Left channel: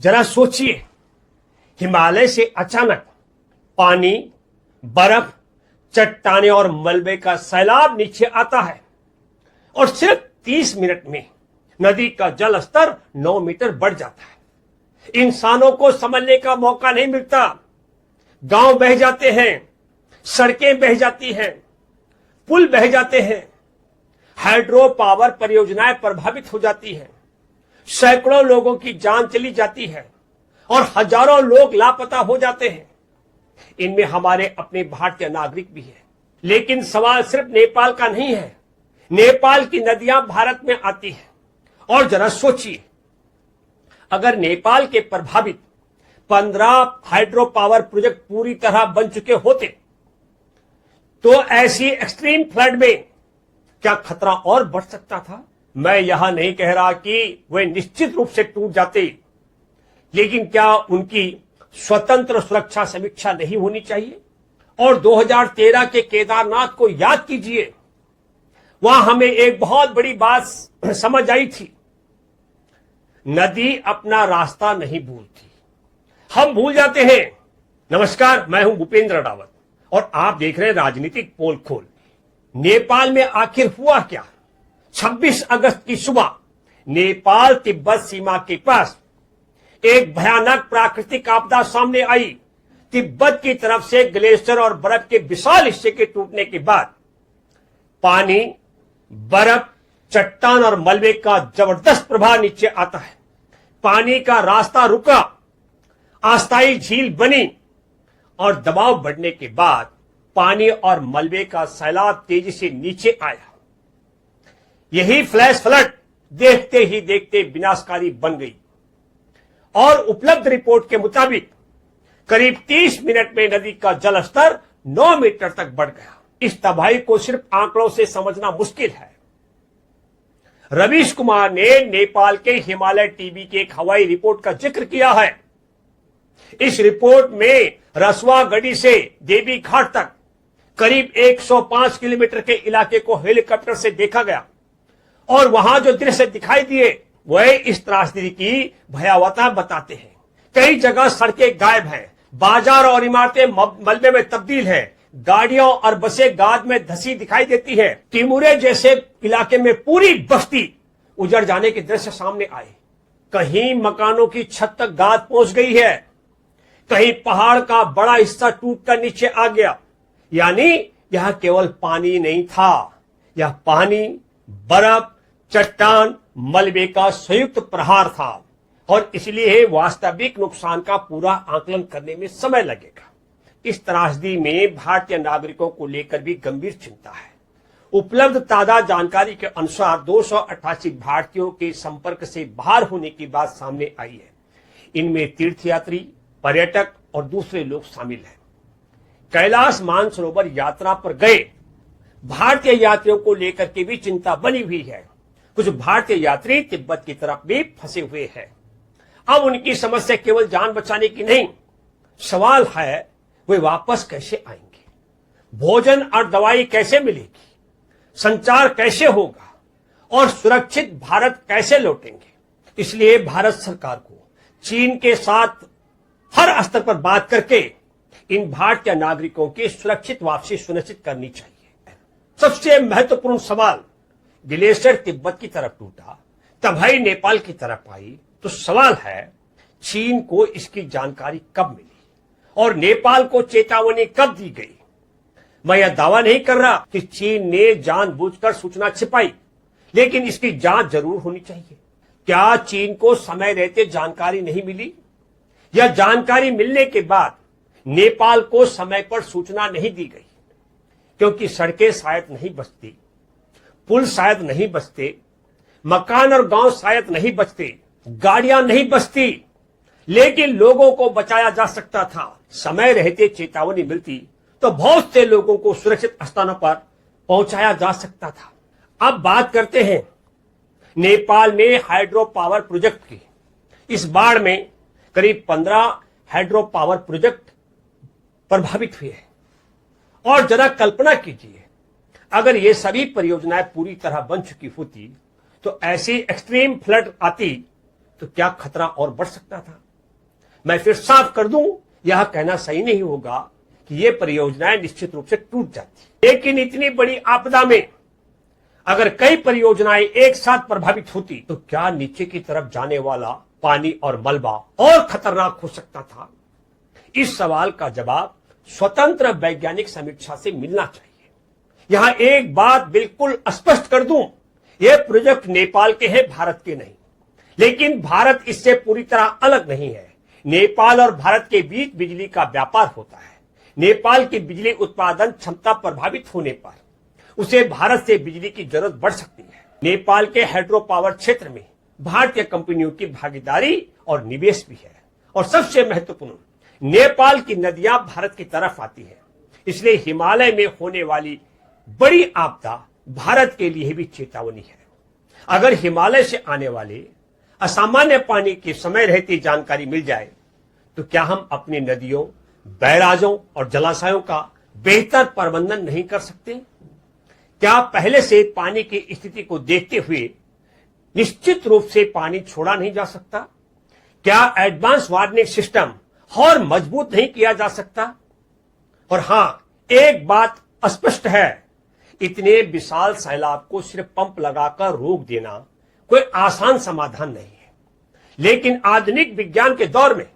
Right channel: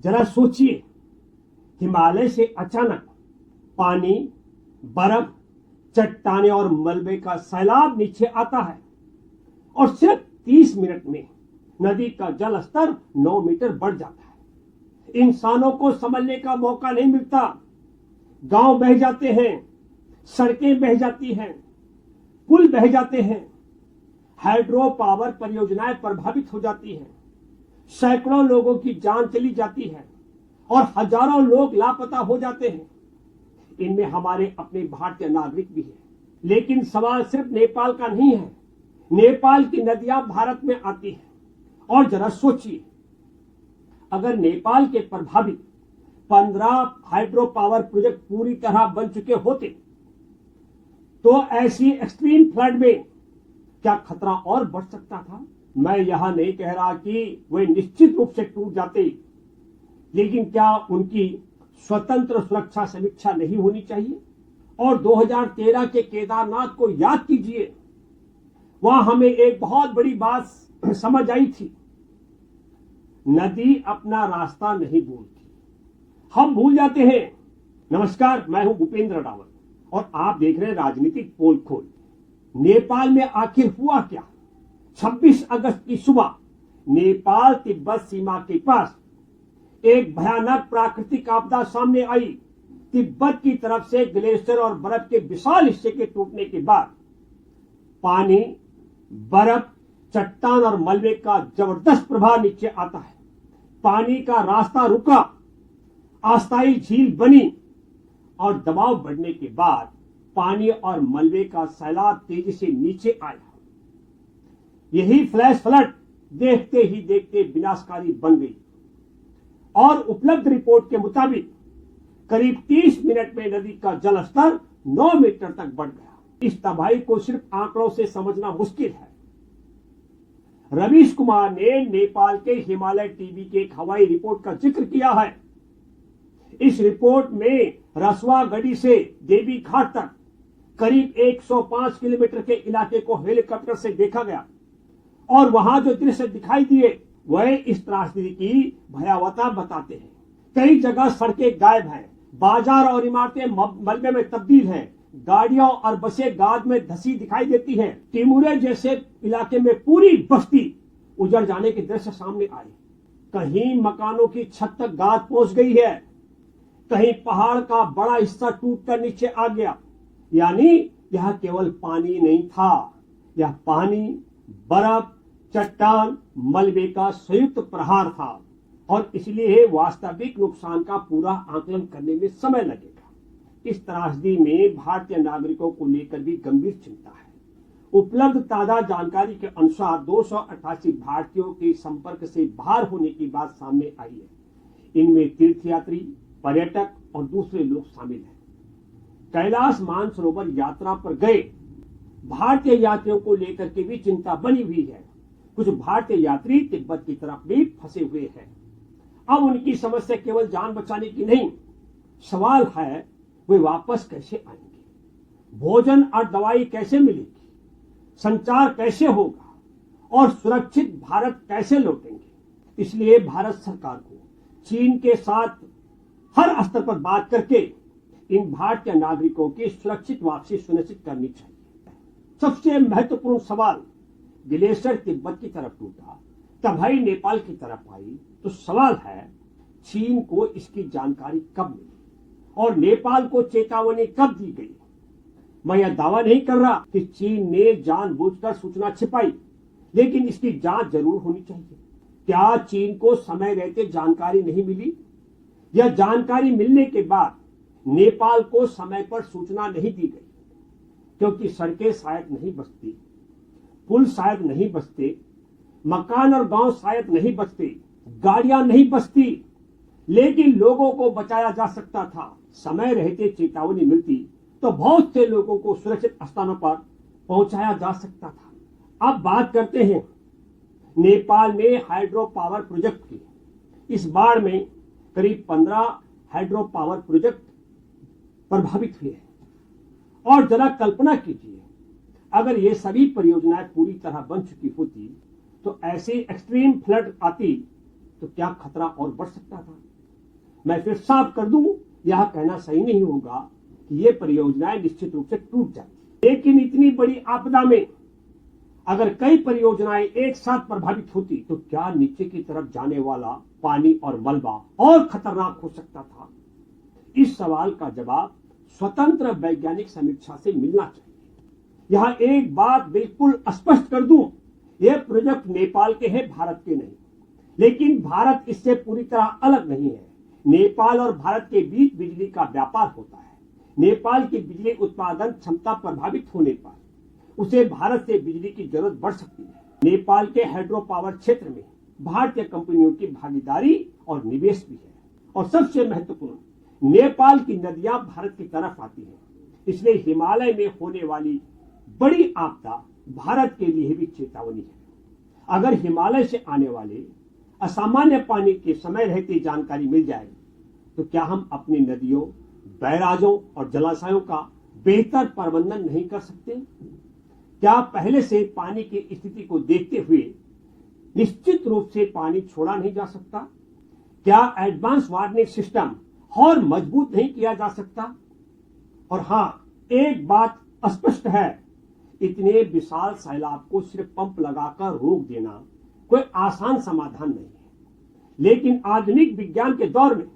जरा सोचिए, हिमालय से अचानक पानी, बर्फ, चट्टाने और मलबे का सैलाब नीचे आता है और सिर्फ 30 मिनट में नदी का जल स्तर 9 मीटर बढ़ जाता है। इंसानों को संभलने का मौका नहीं मिलता। गांव बह जाते हैं, सड़कें बह जाती हैं, पुल बह जाते हैं, हाइड्रो पावर परियोजनाएं प्रभावित हो जाती हैं, सैकड़ों लोगों की जान चली जाती है और हजारों लोग लापता हो जाते हैं। इनमें हमारे अपने भारतीय नागरिक भी हैं। लेकिन सवाल सिर्फ नेपाल का नहीं है। नेपाल की नदियां भारत में आती हैं। और जरा सोचिए, अगर नेपाल के प्रभावित 15 हाइड्रो पावर प्रोजेक्ट पूरी तरह बन चुके होते तो ऐसी एक्सट्रीम फ्लड में क्या खतरा और बढ़ सकता था? मैं यहां नहीं कह रहा कि वे निश्चित रूप से टूट जाते, लेकिन क्या उनकी स्वतंत्र सुरक्षा समीक्षा नहीं होनी चाहिए? और 2013 के केदारनाथ को याद कीजिए, वहां हमें एक बहुत बड़ी बात समझ आई थी। नदी अपना रास्ता नहीं भूलती, हम भूल जाते हैं। नमस्कार, मैं हूं भूपेंद्र रावत और आप देख रहे हैं राजनीतिक पोल खोल। नेपाल में आखिर हुआ क्या? 26 अगस्त की सुबह नेपाल तिब्बत सीमा के पास एक भयानक प्राकृतिक आपदा सामने आई। तिब्बत की तरफ से ग्लेशियर और बर्फ के विशाल हिस्से के टूटने के बाद पानी, बर्फ, चट्टान और मलबे का जबरदस्त प्रभाव नीचे आता है। पानी का रास्ता रुका, अस्थायी झील बनी और दबाव बढ़ने के बाद पानी और मलबे का सैलाब तेजी से नीचे आया। यही फ्लैश फ्लड देखते ही देखते विनाशकारी बन गई और उपलब्ध रिपोर्ट के मुताबिक करीब 30 मिनट में नदी का जल स्तर 9 मीटर तक बढ़ गया। इस तबाही को सिर्फ आंकड़ों से समझना मुश्किल है। रवीश कुमार ने नेपाल के हिमालय टीवी की एक हवाई रिपोर्ट का जिक्र किया है। इस रिपोर्ट में रसवा गढ़ी से देवी घाट तक करीब 105 किलोमीटर के इलाके को हेलीकॉप्टर से देखा गया और वहां जो दृश्य दिखाई दिए वह इस त्रासदी की भयावहता बताते हैं। कई जगह सड़कें गायब हैं, बाजार और इमारतें मलबे में तब्दील हैं, गाड़ियां और बसें गाद में धसी दिखाई देती हैं। टिमुरे जैसे इलाके में पूरी बस्ती उजड़ जाने के दृश्य सामने आए। कहीं मकानों की छत तक गाद पहुंच गई है, कहीं पहाड़ का बड़ा हिस्सा टूटकर नीचे आ गया। यानी यह केवल पानी नहीं था, यह पानी, बर्फ, चट्टान, मलबे का संयुक्त प्रहार था और इसलिए वास्तविक नुकसान का पूरा आकलन करने में समय लगेगा। इस त्रासदी में भारतीय नागरिकों को लेकर भी गंभीर चिंता है। उपलब्ध ताजा जानकारी के अनुसार 288 भारतीयों के संपर्क से बाहर होने की बात सामने आई है। इनमें तीर्थयात्री, पर्यटक और दूसरे लोग शामिल हैं। कैलाश मानसरोवर यात्रा पर गए भारतीय यात्रियों को लेकर के भी चिंता बनी हुई है। कुछ भारतीय यात्री तिब्बत की तरफ भी फंसे हुए हैं। अब उनकी समस्या केवल जान बचाने की नहीं, सवाल है वे वापस कैसे आएंगे, भोजन और दवाई कैसे मिलेगी, संचार कैसे होगा और सुरक्षित भारत कैसे लौटेंगे। इसलिए भारत सरकार को चीन के साथ हर स्तर पर बात करके इन भारतीय नागरिकों की सुरक्षित वापसी सुनिश्चित करनी चाहिए। सबसे महत्वपूर्ण सवाल, ग्लेशियर तिब्बत की तरफ टूटा, तबाही नेपाल की तरफ आई, तो सवाल है चीन को इसकी जानकारी कब मिली और नेपाल को चेतावनी कब दी गई? मैं यह दावा नहीं कर रहा कि चीन ने जानबूझकर सूचना छिपाई, लेकिन इसकी जांच जरूर होनी चाहिए। क्या चीन को समय रहते जानकारी नहीं मिली या जानकारी मिलने के बाद नेपाल को समय पर सूचना नहीं दी गई? क्योंकि सड़कें शायद नहीं बचती, पुल शायद नहीं बचते, मकान और गांव शायद नहीं बचते, गाड़ियां नहीं बचती, लेकिन लोगों को बचाया जा सकता था। समय रहते चेतावनी मिलती तो बहुत से लोगों को सुरक्षित स्थानों पर पहुंचाया जा सकता था। अब बात करते हैं नेपाल में हाइड्रो पावर प्रोजेक्ट की। इस बाढ़ में करीब 15 हाइड्रो पावर प्रोजेक्ट प्रभावित हुए हैं और जरा कल्पना कीजिए, अगर ये सभी परियोजनाएं पूरी तरह बन चुकी होती तो ऐसी एक्सट्रीम फ्लड आती तो क्या खतरा और बढ़ सकता था? मैं फिर साफ कर दूं, यह कहना सही नहीं होगा कि ये परियोजनाएं निश्चित रूप से टूट जाती। लेकिन इतनी बड़ी आपदा में अगर कई परियोजनाएं एक साथ प्रभावित होती तो क्या नीचे की तरफ जाने वाला पानी और मलबा और खतरनाक हो सकता था? इस सवाल का जवाब स्वतंत्र वैज्ञानिक समीक्षा से मिलना चाहिए। यहां एक बात बिल्कुल स्पष्ट कर दूं, यह प्रोजेक्ट नेपाल के हैं, भारत के नहीं। लेकिन भारत इससे पूरी तरह अलग नहीं है। नेपाल और भारत के बीच बिजली का व्यापार होता है। नेपाल की बिजली उत्पादन क्षमता प्रभावित होने पर उसे भारत से बिजली की जरूरत बढ़ सकती है। नेपाल के हाइड्रो पावर क्षेत्र में भारतीय कंपनियों की भागीदारी और निवेश भी है। और सबसे महत्वपूर्ण, नेपाल की नदियां भारत की तरफ आती हैं, इसलिए हिमालय में होने वाली बड़ी आपदा भारत के लिए भी चेतावनी है। अगर हिमालय से आने वाले असामान्य पानी की समय रहती जानकारी मिल जाए तो क्या हम अपनी नदियों, बैराजों और जलाशयों का बेहतर प्रबंधन नहीं कर सकते? क्या पहले से पानी की स्थिति को देखते हुए निश्चित रूप से पानी छोड़ा नहीं जा सकता? क्या एडवांस वार्निंग सिस्टम और मजबूत नहीं किया जा सकता? और हां, एक बात स्पष्ट है, इतने विशाल सैलाब को सिर्फ पंप लगाकर रोक देना कोई आसान समाधान नहीं है। लेकिन आधुनिक विज्ञान के दौर में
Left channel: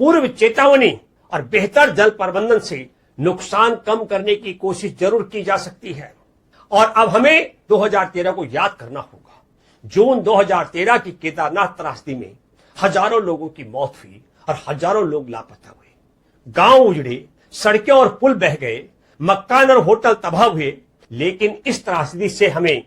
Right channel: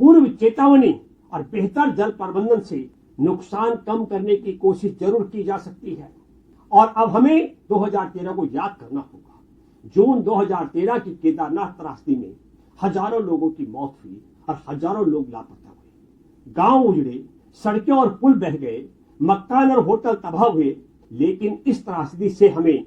पूर्व चेतावनी और बेहतर जल प्रबंधन से नुकसान कम करने की कोशिश जरूर की जा सकती है। और अब हमें 2013 को याद करना होगा। जून 2013 की केदारनाथ त्रासदी में हजारों लोगों की मौत हुई और हजारों लोग लापता हुए। गांव उजड़े, सड़कें और पुल बह गए, मकान और होटल तबाह हुए। लेकिन इस त्रासदी से हमें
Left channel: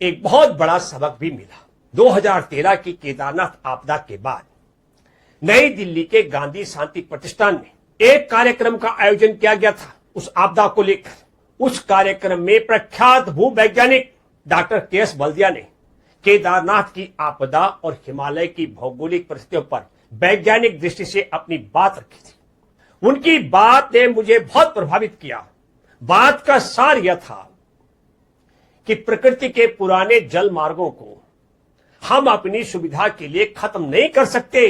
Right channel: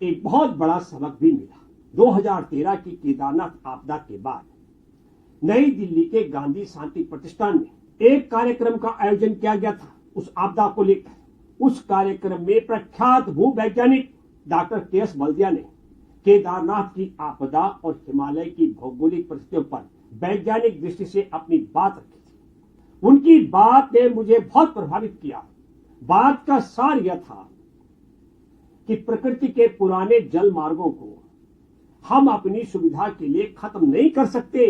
एक बहुत बड़ा सबक भी मिला। 2013 की केदारनाथ आपदा के बाद नई दिल्ली के गांधी शांति प्रतिष्ठान में एक कार्यक्रम का आयोजन किया गया था उस आपदा को लेकर। उस कार्यक्रम में प्रख्यात भूवैज्ञानिक डॉक्टर के.एस. बल्दिया ने केदारनाथ की आपदा और हिमालय की भौगोलिक परिस्थितियों पर वैज्ञानिक दृष्टि से अपनी बात रखी थी। उनकी बात ने मुझे बहुत प्रभावित किया। बात का सार यह था कि प्रकृति के पुराने जल मार्गों को हम अपनी सुविधा के लिए खत्म नहीं कर सकते।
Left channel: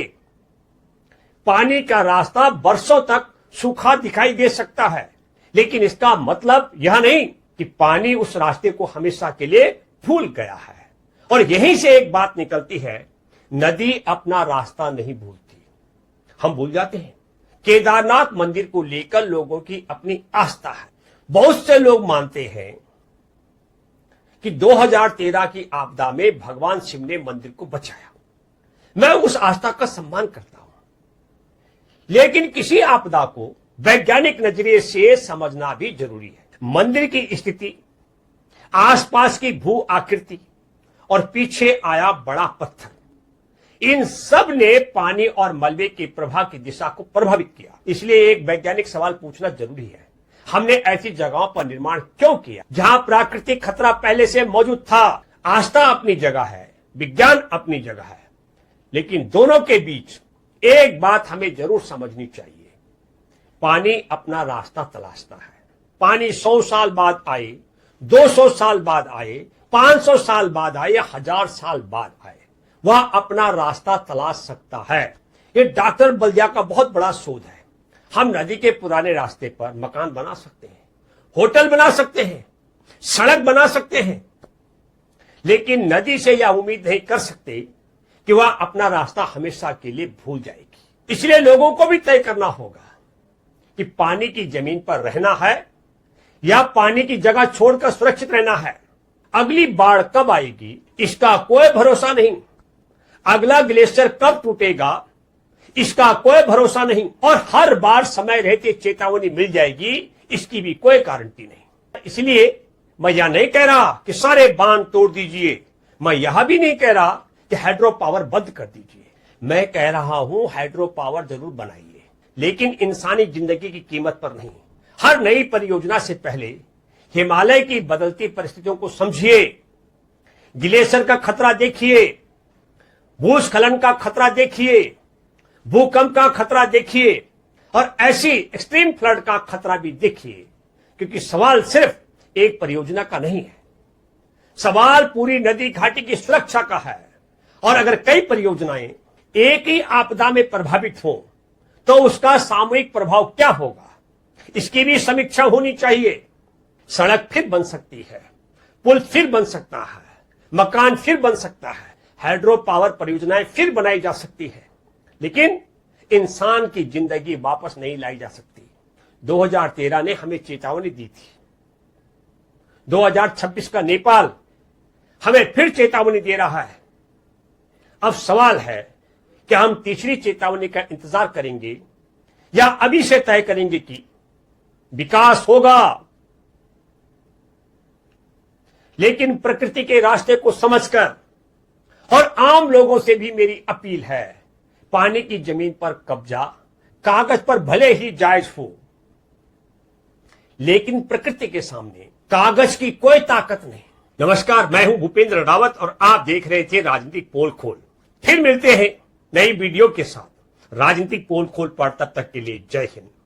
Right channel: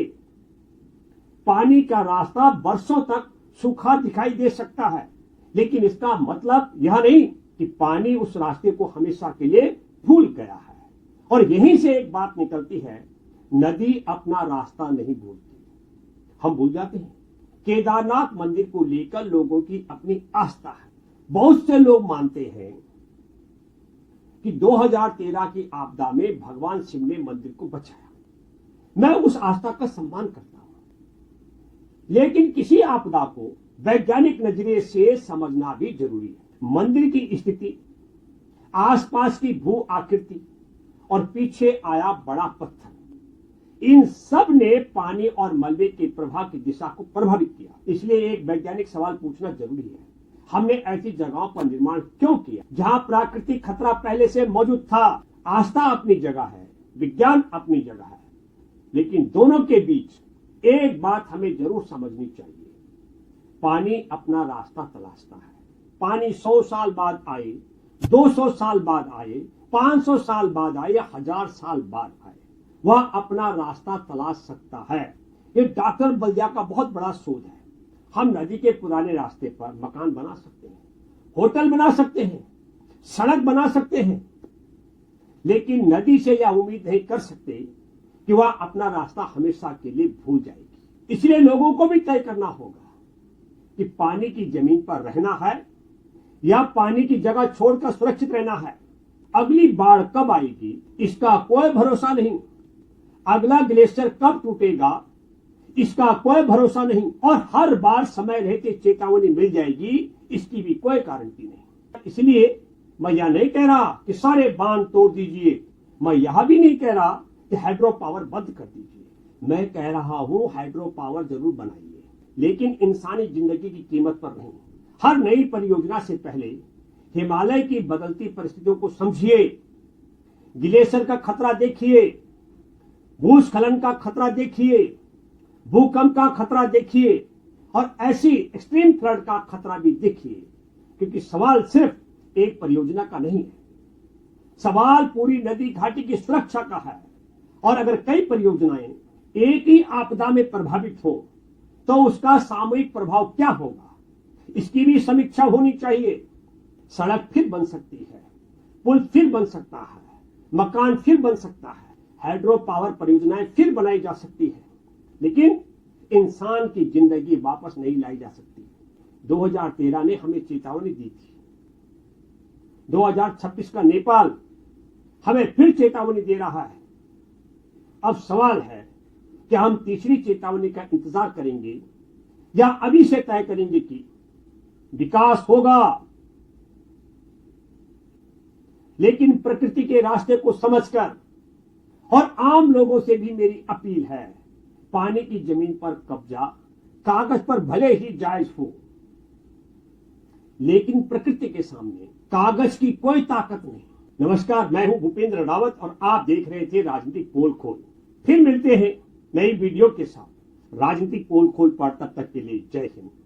पानी का रास्ता बरसों तक सूखा दिखाई दे सकता है, लेकिन इसका मतलब यह नहीं कि पानी उस रास्ते को हमेशा के लिए भूल गया है। और यहीं से एक बात निकलती है, नदी अपना रास्ता नहीं भूलती, हम भूल जाते हैं। केदारनाथ मंदिर को लेकर लोगों की अपनी आस्था है। बहुत से लोग मानते हैं कि 2013 की आपदा में भगवान शिव ने मंदिर को बचाया। मैं उस आस्था का सम्मान करता हूं, लेकिन किसी आपदा को वैज्ञानिक नजरिए से समझना भी जरूरी है। मंदिर की स्थिति, आसपास की भू आकृति और पीछे आया बड़ा पत्थर, इन सब ने पानी और मलबे के प्रवाह की दिशा को प्रभावित किया। इसलिए एक वैज्ञानिक सवाल पूछना जरूरी है, हमने ऐसी जगहों पर निर्माण क्यों किया जहां प्राकृतिक खतरा पहले से मौजूद था? आस्था अपनी जगह है, विज्ञान अपनी जगह है, लेकिन दोनों के बीच एक बात हमें जरूर समझनी चाहिए, पानी अपना रास्ता तलाशता है। पानी 100 साल बाद आए, 200 साल बाद आए, 500 साल बाद आए या 1000 साल बाद आए, वह अपना रास्ता तलाश सकता है। ये डॉक्टर बल्दिया का बहुत बड़ा शोध है। हम नदी के पुराने रास्ते पर मकान बना सकते हैं, होटल बना सकते हैं, सड़क बना सकते हैं, लेकिन नदी से यह उम्मीद नहीं कर सकते कि वह अपना रास्ता हमेशा के लिए भूल जाएगी। इसलिए लोगों को भी तय करना होगा कि पानी की जमीन पर रहना है या पानी की जगह छोड़कर सुरक्षित रहना है। अगली बाढ़ कब आएगी इसका कोई भरोसा नहीं, अगला ग्लेशियर कब टूटेगा इसका कोई भरोसा नहीं, और हर बार समय रहते चेतावनी मिल जाएगी इसकी भी कोई गारंटी नहीं। इसलिए मैं यह नहीं कह रहा कि सारे बांध तोड़ दीजिए, मैं यह भी नहीं कह रहा कि हाइड्रो पावर बंद कर दीजिए। मैं कह रहा हूं हाइड्रो पावर जरूर बनाइए, लेकिन इंसानी जिंदगी की कीमत पर नहीं। हर नई परियोजना से पहले हिमालय की बदलती परिस्थितियों को समझिए, ग्लेशियर का खतरा देखिए, भूस्खलन का खतरा देखिए, भूकंप का खतरा देखिए और ऐसी एक्सट्रीम फ्लड का खतरा भी देखिए, क्योंकि सवाल सिर्फ एक परियोजना का नहीं है, सवाल पूरी नदी घाटी की सुरक्षा का है। और अगर कई परियोजनाएं एक ही आपदा में प्रभावित हो तो उसका सामूहिक प्रभाव क्या होगा, इसकी भी समीक्षा होनी चाहिए। सड़क फिर बन सकती है, पुल फिर बन सकता है, मकान फिर बन सकता है, हाइड्रो पावर परियोजनाएं फिर बनाई जा सकती है, लेकिन इंसान की जिंदगी वापस नहीं लाई जा सकती। 2013 ने हमें चेतावनी दी थी। 2026 का नेपाल हमें फिर चेतावनी दे रहा है। अब सवाल है कि हम तीसरी चेतावनी का इंतजार करेंगे या अभी से तय करेंगे कि विकास होगा, लेकिन प्रकृति के रास्ते को समझकर। और आम लोगों से भी मेरी अपील है, पानी की जमीन पर कब्जा कागज पर भले ही जायज हो, लेकिन प्रकृति के सामने कागज की कोई ताकत नहीं। नमस्कार, मैं हूं भूपेंद्र रावत और आप देख रहे थे राजनीतिक पोल खोल। फिर मिलते हैं नई वीडियो के साथ। राजनीतिक पोल खोल पर तब तक के लिए जय हिंद।